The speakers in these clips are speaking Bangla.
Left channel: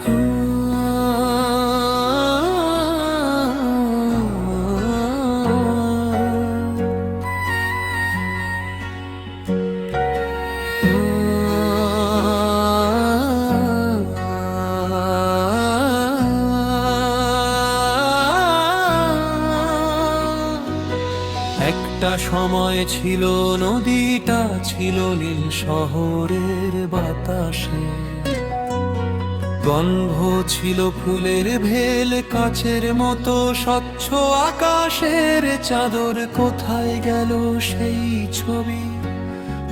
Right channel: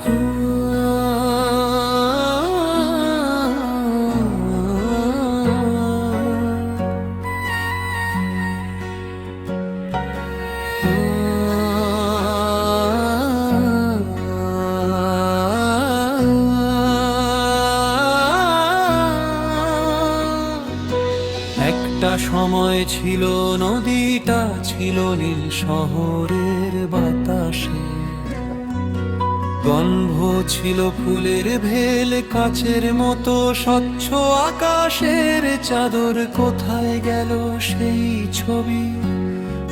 একটা সময় ছিল, নদীটা ছিল নীল শহরের বাতাসে, গন্ধ ছিল ফুলের ভেল, কাচের মতো স্বচ্ছ আকাশের চাদর। কোথায় গেল সেই ছবি,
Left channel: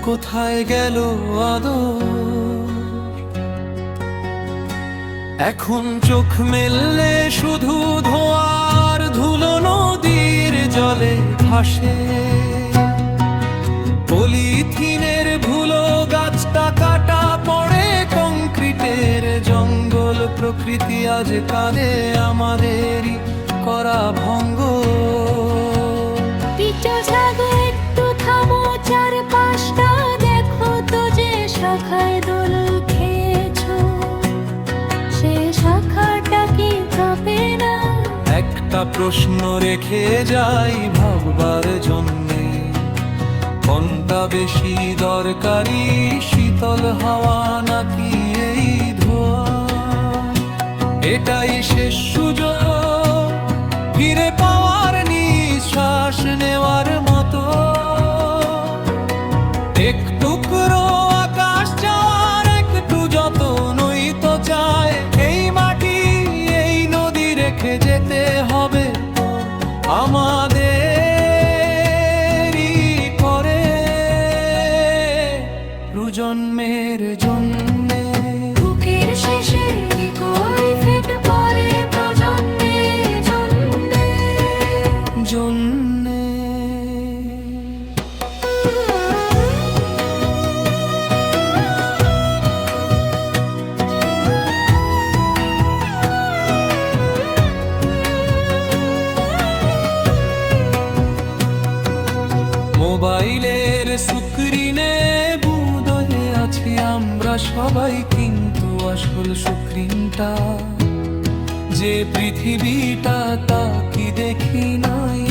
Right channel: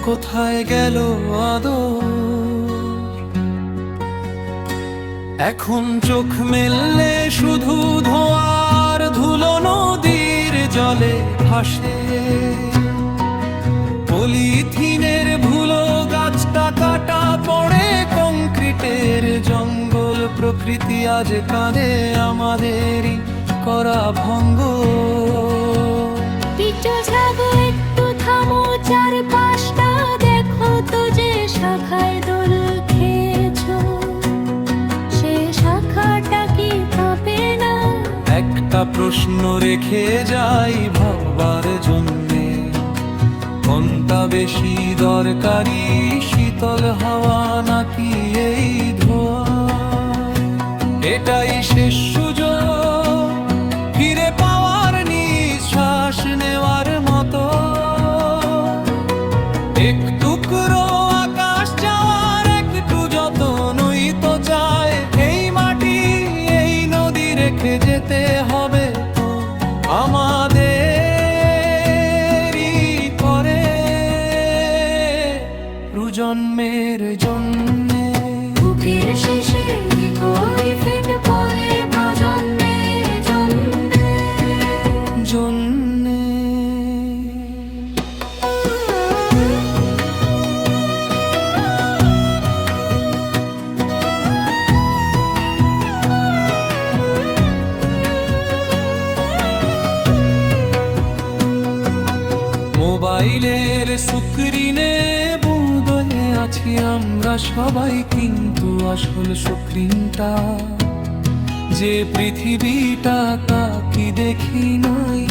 কোথায় গেল আদর? এখন চোখ মেললে শুধু ধোঁয়ার ধুলো নদীর জলে ভাসে। পলিথিনের ধুলো, গাছটা কাটা পড়ে কংক্রিটের জঙ্গল। প্রকৃতি আজ কাঁদে আমাদেরই করা ভঙ্গ। পিটো জাগো, একটু থামো, চারপাশটা দেখো তো, যে শাখায় দোল খেয়েছো সে শাখাটা কি কাঁপে না? একটা প্রশ্ন রেখে যাই ভাববার জন্যে, কোনটা বেশি দরকারি, শীতল হাওয়া নাকি এই ধোঁয়া? এটাই শেষ সুযোগ ফিরে পাওয়ার, নিঃশ্বাস নেওয়ার মতো। একটু টুকরো আকাশ চাওয়ার, একটু যতনই তো চায়। এই মাটি, এই নদী রেখে যেতে হবে তো আমাদেরই করে, প্রজন্মের জন্যে। বুকের শেষে কই ফিট পরে প্রজন্মের জন্যে। জন্যে মোবাইলের স্ক্রিনে বুঁদে আছি আমরা সবাই, কিন্তু আসল স্ক্রিনটা যে পৃথিবীটা তা কি দেখি নাই?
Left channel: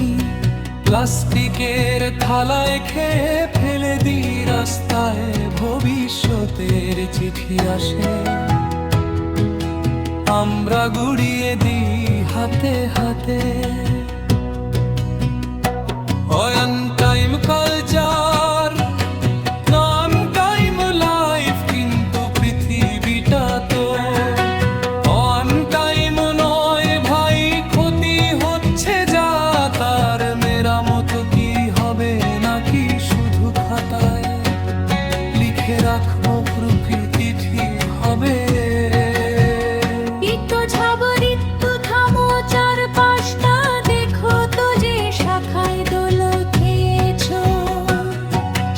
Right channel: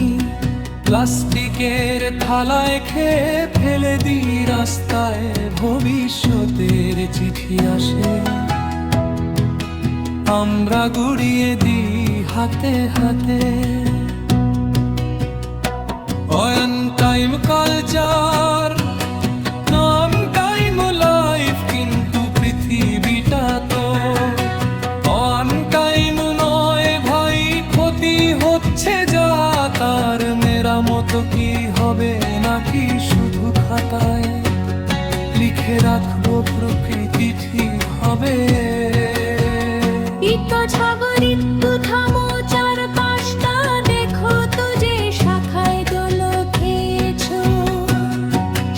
প্লাস্টিকের থালায় খেয়ে ফেলে দিই রাস্তায়, ভবিষ্যতের চিঠি আসে আমরা গুড়িয়ে দিই হাতে হাতে। On time culture, non time life, কিন্তু পৃথিবীটা তো অন টাইম নয় ভাই। ক্ষতি হচ্ছে যা, তার মেরামত কি হবে নাকি শুধু খাতায় লিখে রাখবো প্রকৃতি ঠিক হবে? পিটো ছাবো, ঋতু থামো, চারপাশটা দেখো তো, যে শাখায় দোল খেয়েছো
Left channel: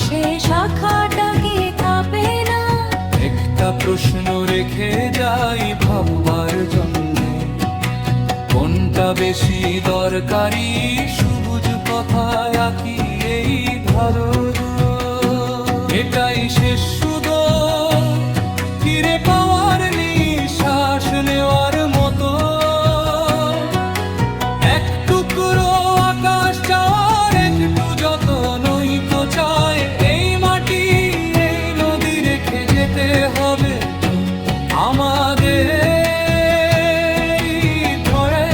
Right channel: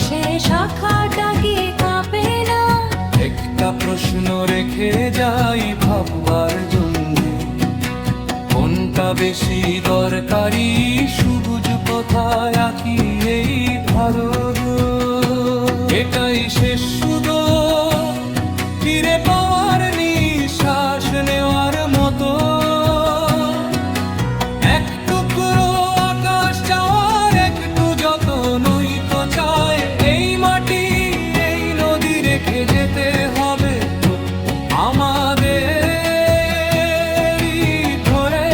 সে শাখাটা কি কাঁপে না? একটা প্রশ্ন রেখে যাই ভাববার জন্যে, কোনটা বেশি দরকারি, সবুজ কথায় আঁকি এই ধরো। এটাই শেষ সুযোগ ফিরে পাওয়ার, নিঃশ্বাস নেওয়ার মতো। এক টুকরো আকাশ চাওয়ার, একটু যতনই তো চায়। এই মাটি, এই নদী রেখে যেতে হবে আমাদেরই ধরে,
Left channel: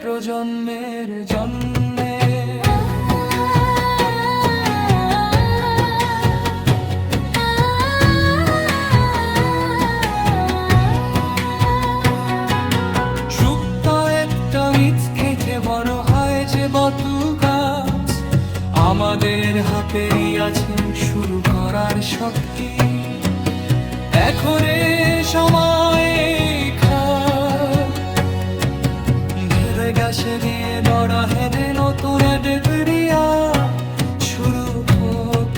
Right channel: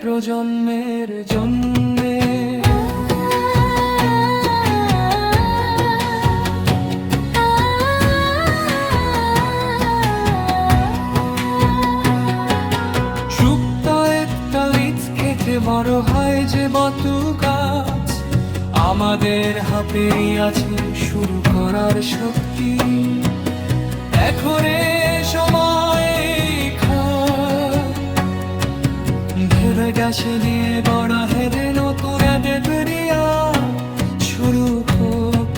প্রজন্মের জন্যে। শুকতা একটা বীজ খেতে বড় হয় যে বটু গাছ, আমাদের হাতেরই আছে শুরু করার শক্তি। এখন সময় ভেবে গেছে দিয়ে বড় হেদে নতুন দেবরিয়া, শুরু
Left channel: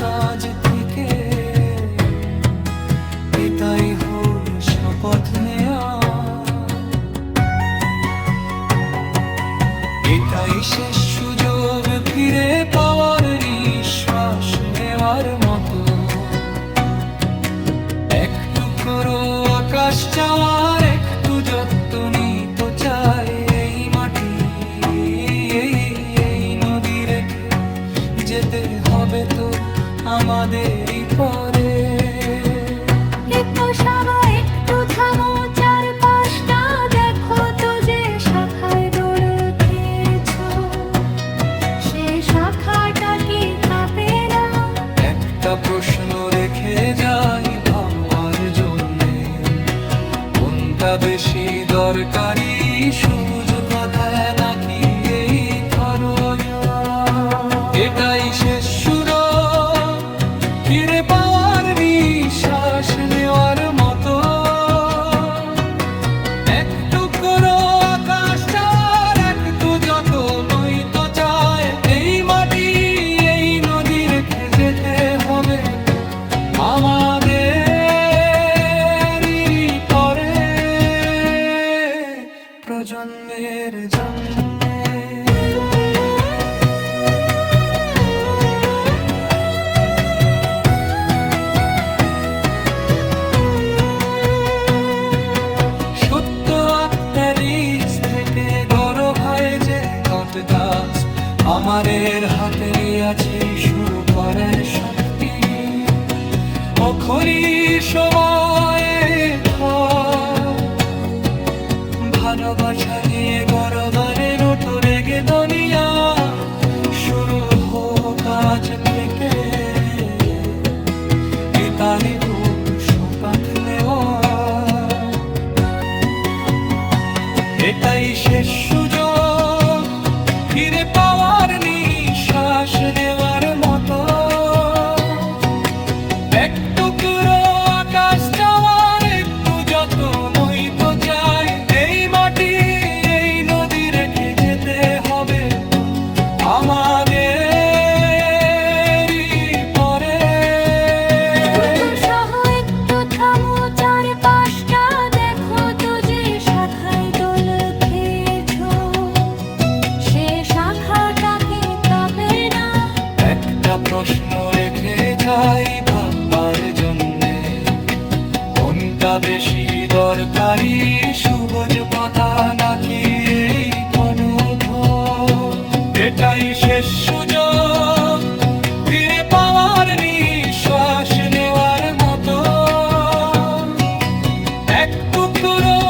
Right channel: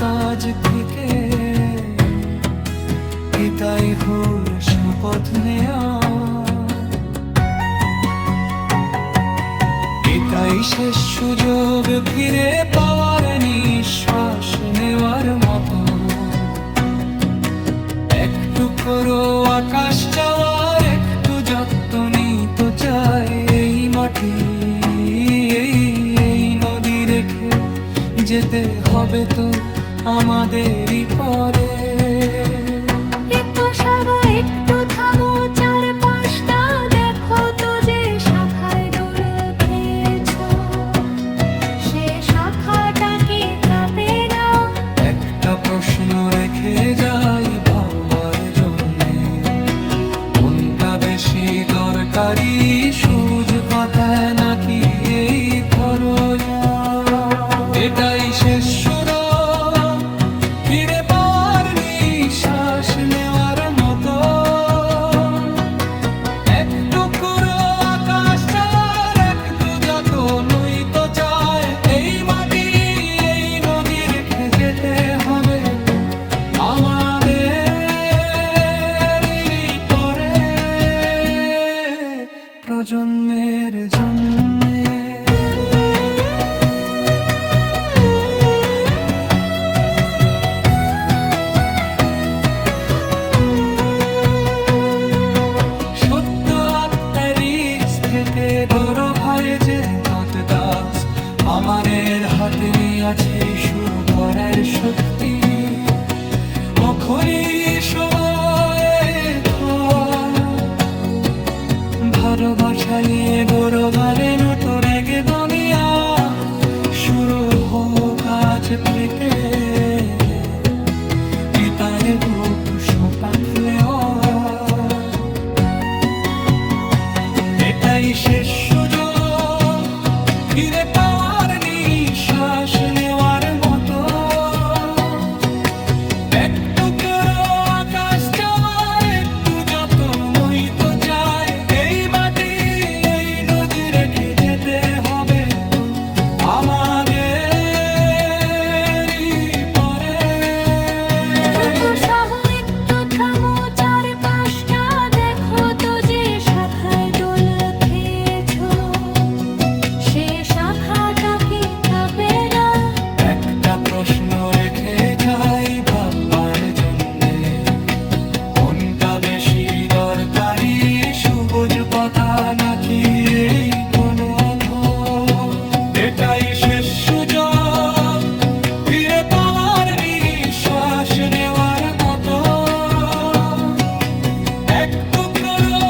কাজ থেকে এটাই হল শপথ নেয়া। এটাই শেষ সুযোগ ফিরে পাওয়ার, নিঃশ্বাস নেওয়ার মতো। একটু করো আকাশ চাওয়ার একটু যত্ন নিতে চাই এই মাটি এই নদী রেখে যেতে হবে তো আমাদেরই পরে। সবাই একটু থামো, চারপাশটা দেখো তো যে শাখায় দোল খেয়েছো, সে শাখাটা কি কাঁপে না? একটা প্রশ্ন রেখে যাই ভাববার জন্যে, কোনটা বেশি দরকারি, সূর্য কথায় নাকি এই ধরো এটাই শেষ সুযোগ ফিরে পাওয়ার নিঃশ্বাস নেওয়ার মতো। একটু করো আকাশ চাওয়ার একটু যত নই তো চায় এই মাটি এই নদী রেখে যেতে হবে তো আমাদের পরে প্রজন্মের জন্যে। সত্য আত্মার থেকে বড় ভাই যে কত গাছ আমাদের হাতে আছে শুরু করার শক্তি। অখনি সময়ে ভালোবাসা নিয়ে গৌরবারে নতো রেগে দুনিয়া শুরু হোক আজ থেকে। পিতানে বুক শপথ নেওয়া এটাই শেষ সুযোগ ফিরে পাওয়ার নিঃশ্বাস নেওয়ার মতো। একটু করো আকাশ চাওয়ার একটু যত নই তো চাই এই মাটি এই নদী রেখে যেতে হবে তো আমাদের পরে। সহ একটু থামো, চারপাশটা দেখো তো যে শাখায় দোল খেয়েছো, সে শাখাটাকে কাঁপে না? একটা প্রশ্ন রেখে যাই ভাববার জন্যে, কোনটা বেশি দরকারি, সবুজ কথা নাকি এই ঘন এটাই শেষ সুযোগ ফিরে পাওয়ার নিঃশ্বাস নেওয়ার মতো। একটু করো